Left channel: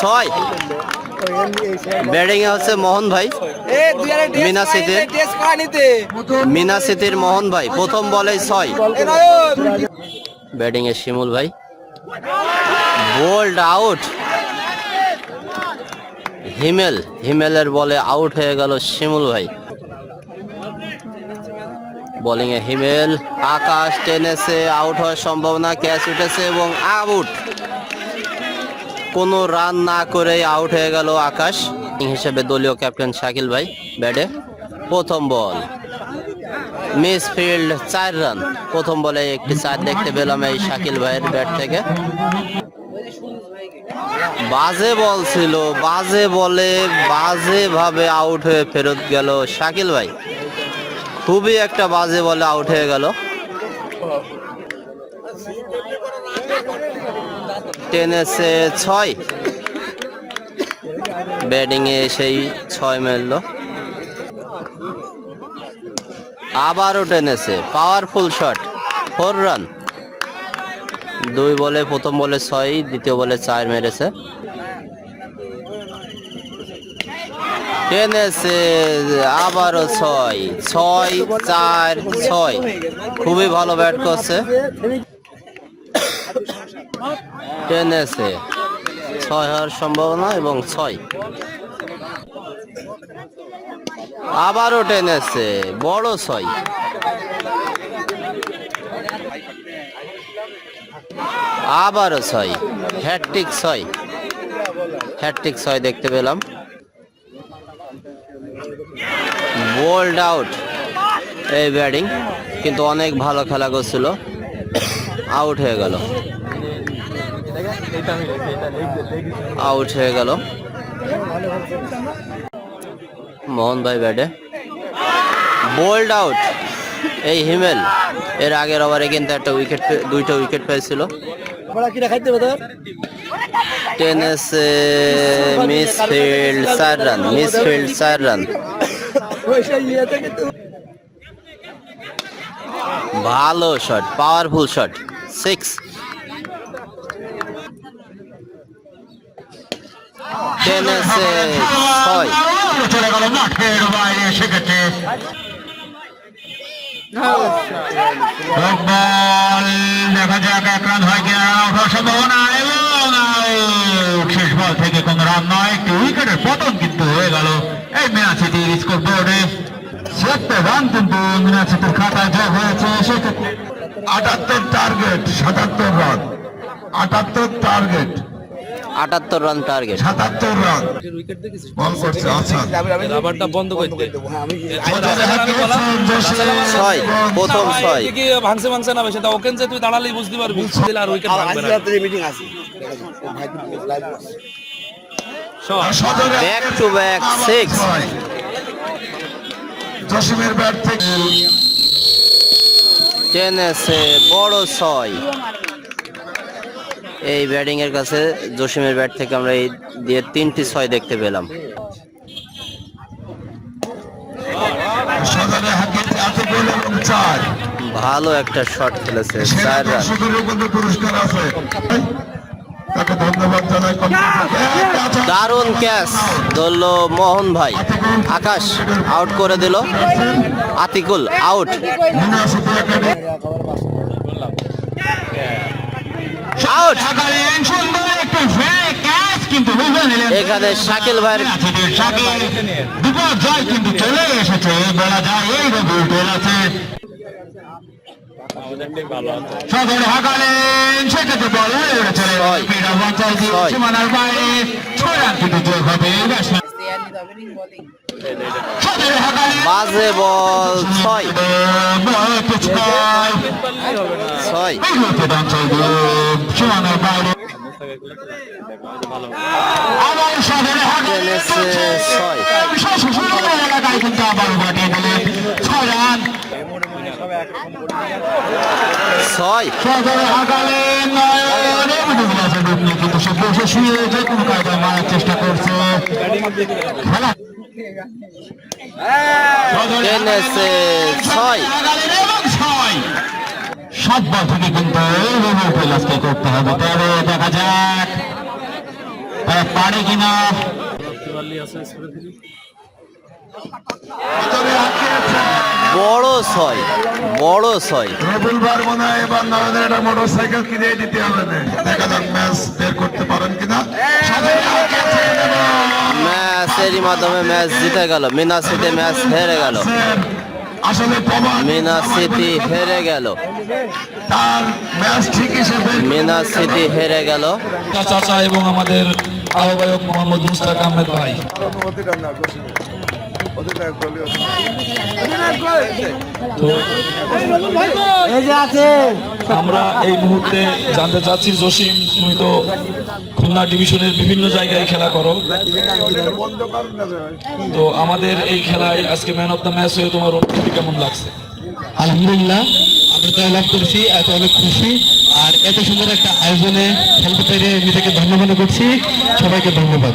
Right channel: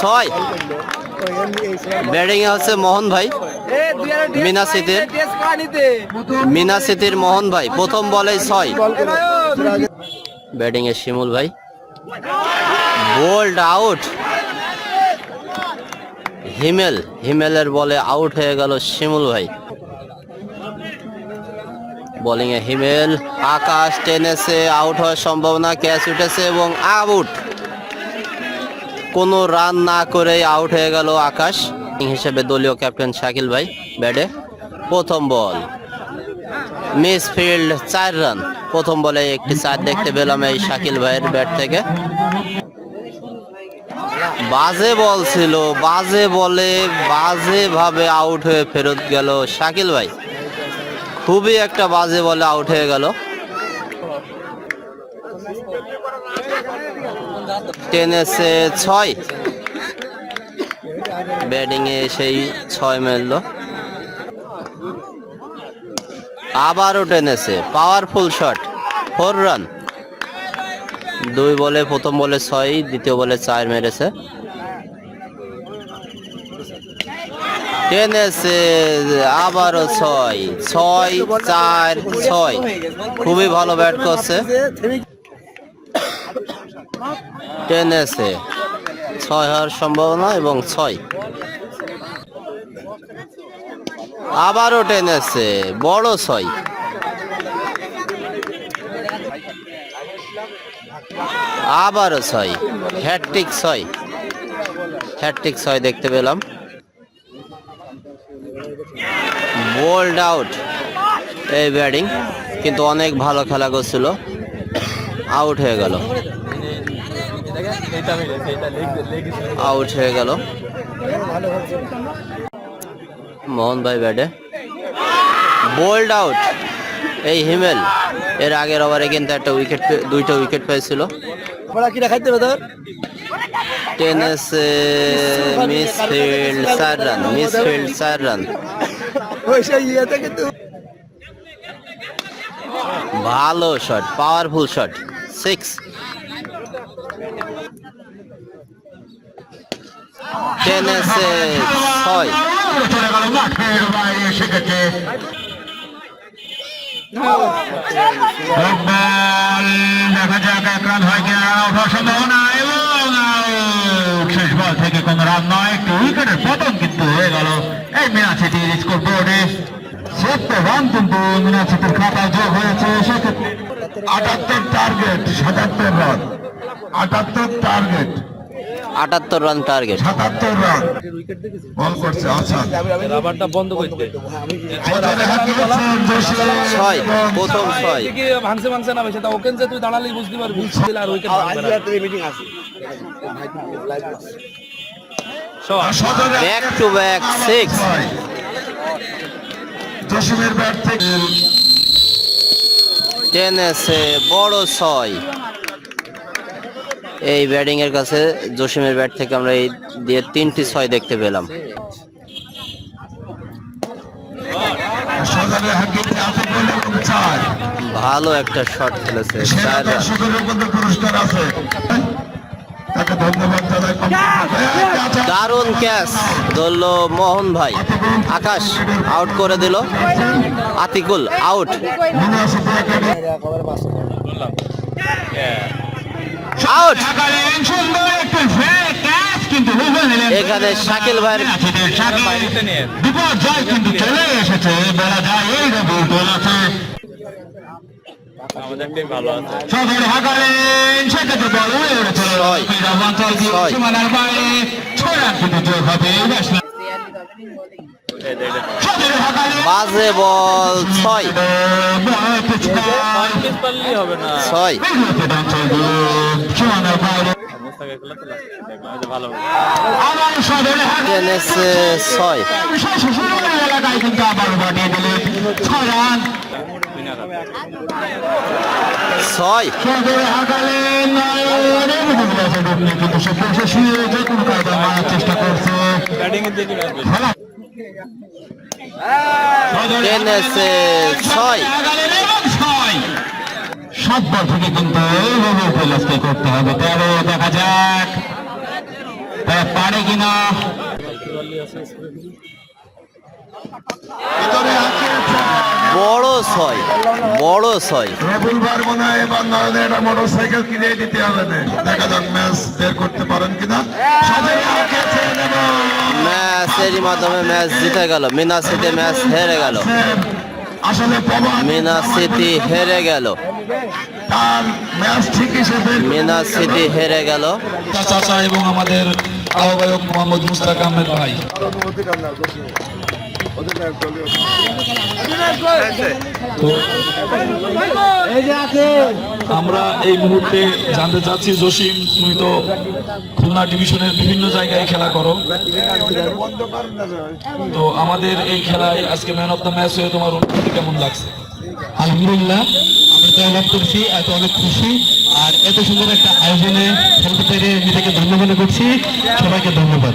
ছয়। ব্যাটিং এ হচ্ছে মোহন ভাই। মিনা সিটির মিনা সিটির মোহন ভাই। প্রথম বলেই ছয়। ব্যাটিং এ শিমুল ভাই। Bold out. হিমেল। হিমেলের বলে আউট হয়ে গেল শিমুল ভাই। বোলিং এ হিমেল। আকাশ টেনেছে, আউট হওয়ার সম্ভাবনা, ক্যাচ উঠেছে এবং আউট। কোনো রান না করে আউট হয়ে গেল আকাশ। হিসেবে দলীয় ক্যাপ্টেন শাকিল ভাই ব্যাটে প্রথম বল। মিস ফিল্ড চার রান প্রথম বলে একটি চার দেখতে পেলাম এই শাকিল ভাইয়ের ব্যাট থেকে। বাজে বল ছিল, বাজে বলে বাজে ভাবে আউট হয়ে ফেরত গেল শাকিল ভাই। খুবই একটা বাজে বলে আউট হয়ে গেল। টেনেছে ছয়। ব্যাটিং এ সেই ছয় মারল আবারও টেনেছে পাওয়ারফুল শট ফোর রান দুই বলে প্রথম বলে ছয়, দ্বিতীয় বলে চার মেরেছে। টেনেছে আবারও ছয় ছয়, চার, ছয়। খুবই ভালো ব্যাট করছে। টেনেছে। ছয় হওয়ার সম্ভাবনা এবং ছয়। আবারও টেনেছে, বড় ছয়। আবারও ছয় হ্যাট্রিক ছয়। হ্যাট্রিক ছয় দেখতে পেলাম। বোল্ড আউট এই ব্যাটিং কিন্তু অনেক ভালো খেলা করছিল। আউট হয়ে গেল। আউট হয়ে গেল। মোহন ভাই ব্যাটে বোল্ড আউট এই হিমেল এর আগের ওভারে কিন্তু একটা উইকেট দুইটা উইকেট পেয়েছিল। টেনেসে মিস ফিল্ড চার রান মিস ফিল্ড চার রান ভালো শট পাওয়ারফুল শট সিক্স যাক এক রান শেষ বল থেকে কোন রান নয় একটি উইকেটের পতন কিন্তু হয়ে গেল এই মিনা সিটির স্কোর বোর্ডে ছিয়াত্তর রান কিন্তু মিনা সিটির খাতায় যোগ হয়েছে সেক্ষেত্রে আটাত্তর টার্গেট সাতাত্তর রান আটাত্তর টার্গেট আটাত্তর রান টার্গেট সাতাত্তর রান বল আচ্ছা। রাবারটা বন্ধ করতে। ছয় প্রথম ছয়। ভাঙছে ভাঙছে না সেটা ওকেন যে তুই দাঁড়ালেই বুঝতে পারবি। আর wicket back to back six টেনেসে বড় ছয়। এই ব্যাটিং এর কাছে জসিমের ব্যাট থেকে আমরা এই দিয়ে তিনটি ছয় দেখতে পেলাম। ভালো একটা শট খেলেছে সেরা চার রান দর্শকের মধ্যে পুরস্কার আছে তাকে ধন্যবাদ জানাই কমিটিকে। দারুণ ক্যাচ ধরল মোহন ভাই। আকাশ আউট করে দিল। আতিকুল আউট নিলেন এখানে শাকিল ভাইয়ের বিপর্যয় কিন্তু চলে এসেছে বলা যায় এই রবিউল টোল আছে ছয়। ছয়। বাজে বল ছয়। ছয়। ছয়। ছয় রান ছয় সদর হাগালেন কিন্তু সে বসে শুয়ে যে কোনো কারণে মারার চেষ্টা করছ থেকে কিন্তু এইভাবে উপলব্ধ করতে হবে তবে দেখা যাক তারা পারে কিনা বড় ছয় বড় ছয়। মনে হয় এবার নয়নের একটা মোটর সাইকেল কিনে দিতে হবে। দেখা যাক ম্যাচ বের করতে পারেন কিনা। ম্যাচেরই মাধ্যমে ম্যাচ জিতে গেল। মিনা সিটি ম্যাচ হেরে গেল। মিনা সিটি হেরে গেল। মিনা সিটি হেরে গেল। চাচা এবং আমাদের আহ্বায়ক মোহাম্মদ মুস্তাক আহমেদ ভাই। আমরা এই মুহূর্তে জানতে চাচ্ছি জসিম তুমি তো খুলনা ডিভিশনের বিভিন্ন জায়গায় খেলা করো। তো আমাদের এই খেলায় আজকে ম্যান অফ দ্য ম্যাচ হয়ে তোমার অনুভূতি কেমন লাগছে? আলহামদুলিল্লাহ আমি তো লাভ করছি এত অনেক খুশি। আর এত সুন্দর একটা আয়োজনে খেলতে পেরে নিজেকে ধন্য মনে করছি। সবাইকে ধন্যবাদ।